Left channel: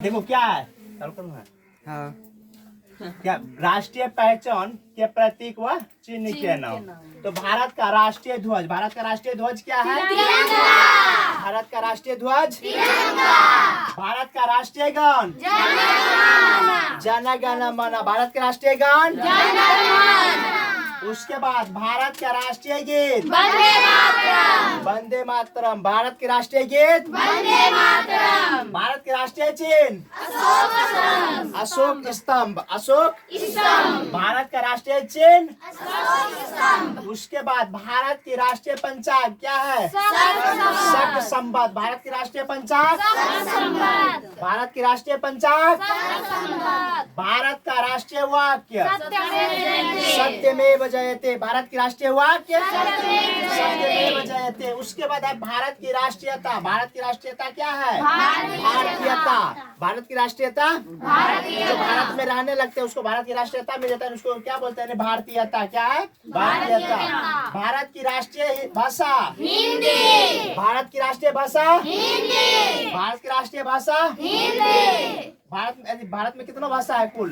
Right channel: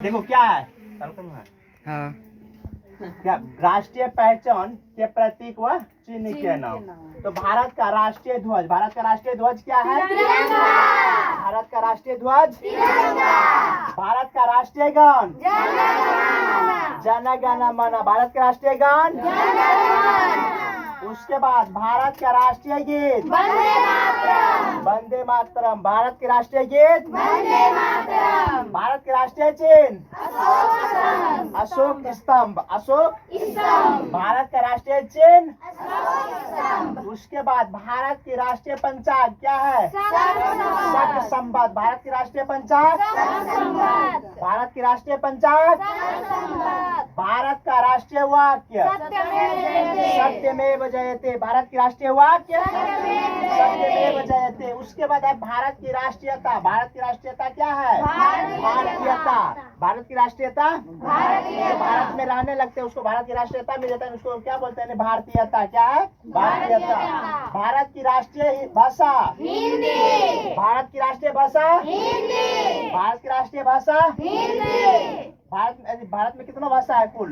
देखो क्या है हाँ क्या राष्ट्रीय पहचान के प्रतीक व चिन्ह के नाम। तो भारत का राष्ट्रीय ध्वज क्या है? भारत का राष्ट्रीय ध्वज भारत का राष्ट्रीय गान जन गण मन। भारत का राष्ट्रीय गान उसके बाद भारत का राष्ट्रीय गीत वंदे मातरम। भारत के राष्ट्रीय गीत भारत के राष्ट्रीय चिन्ह अशोक स्तंभ। भारत का राष्ट्रीय चिन्ह। उसके बाद भारत की राष्ट्रीय पंचांग क्या है? शक संवत। भारत की राष्ट्रीय पंचांग भारत की राष्ट्रीय पंचांग। भारत का राष्ट्रीय वाक्य सत्यमेव जयते। भारत की राष्ट्रीय वाक्य सत्यमेव जयते। उसके बाद है भारत की राष्ट्रीयता। भारत की राष्ट्रीयता क्या है? भारतीयता। भारत की राष्ट्रीयता जो भारत में रहने लगते हैं उसको भारत की राष्ट्रीयता मिल जाता है। उसको क्या बोलते हैं? भारतीयता। क्या है? भारतीयता। भारत की राष्ट्रीय भाषा हिंदी। भारत की राष्ट्रीय भाषा हिंदी। भारत की राष्ट्रीय भाषा हिंदी। भारत में कितना भाषा है कुल?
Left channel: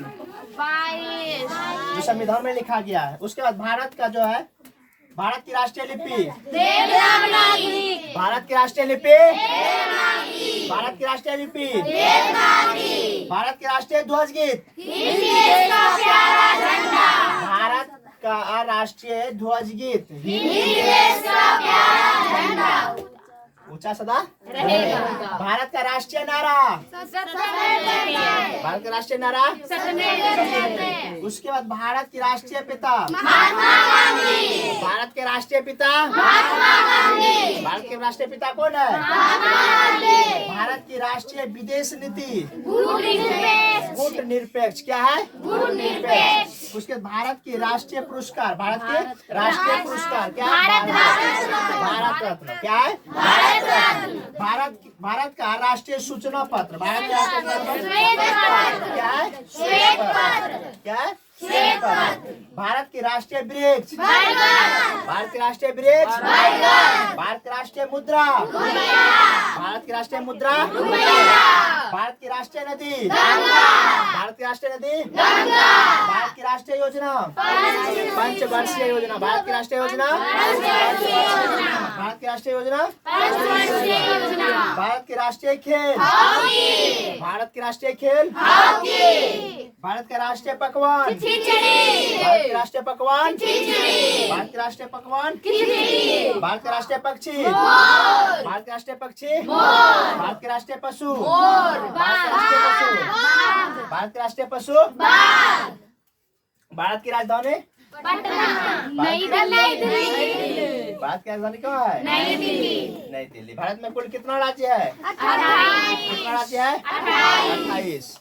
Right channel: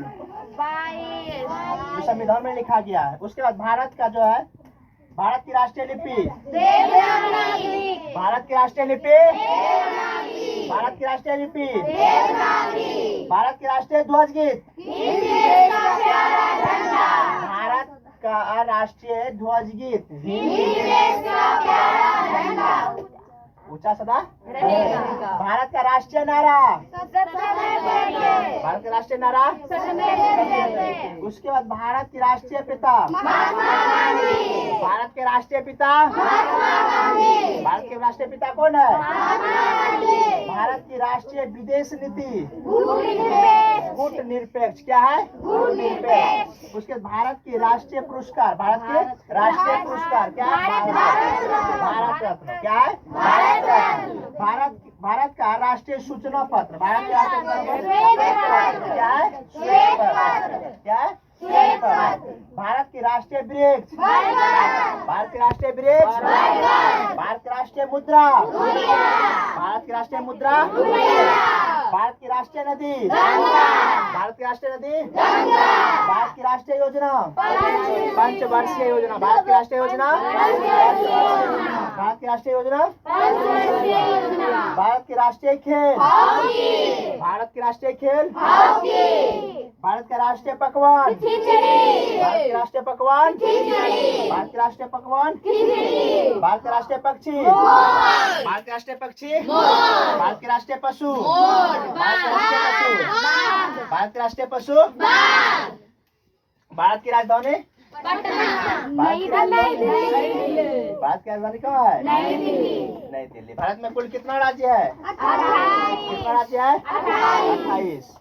22 जो संविधान में लिखा गया है। उसके बाद भारत का जो है भारत की राष्ट्रीय लिपि भारत की राष्ट्रीय लिपि भारत की राष्ट्रीय लिपि भारत की राष्ट्रीय ध्वज गीत भारत का राष्ट्रीय ध्वज गीत ऊंचा सदा भारत का राष्ट्रीय नारा भारत का राष्ट्रीय नारा। उसके बाद भारत की राष्ट्रीय पिता भारत के राष्ट्रीय पिता भारत के राष्ट्रीय पिता कौन है? भारत की राष्ट्रीय विदेश नीति गुट निरपेक्ष। क्या है? गुट निरपेक्ष। उसके भारत की राष्ट्रीय पुरस्कार भारत के राष्ट्रीय पुरस्कार क्या है? भारत रत्न। क्या है? भारत का राष्ट्रीय सूचना पत्र भारत का राष्ट्रीय क्या है? श्वेत पत्र। क्या है? श्वेत पत्र। भारत की राष्ट्रीय वृक्ष भारत की राष्ट्रीय वृक्ष भारत की राष्ट्रीय मुद्रा भारत की राष्ट्रीय मुद्रा। भारत की राष्ट्रीय नदी भारत की राष्ट्रीय नदी। भारत की राष्ट्रीय योजना पंचवर्षीय योजना। भारत की राष्ट्रीय योजना भारत की राष्ट्रीय योजना। भारत के राष्ट्रीय खेल भारत के राष्ट्रीय खेल भारत का राष्ट्रीय पकवान भारत के राष्ट्रीय पकवान भारत के राष्ट्रीय पकवान। भारत के राष्ट्रीय पक्षी भारत के राष्ट्रीय पक्षी भारत के राष्ट्रीय पशु भारत के राष्ट्रीय पशु भारत के राष्ट्रीय पशु। भारत की राजधानी भारत की राजधानी कहाँ है? नई दिल्ली। भारत में कुल कितना राज्य है? कितना राज्य है? 28।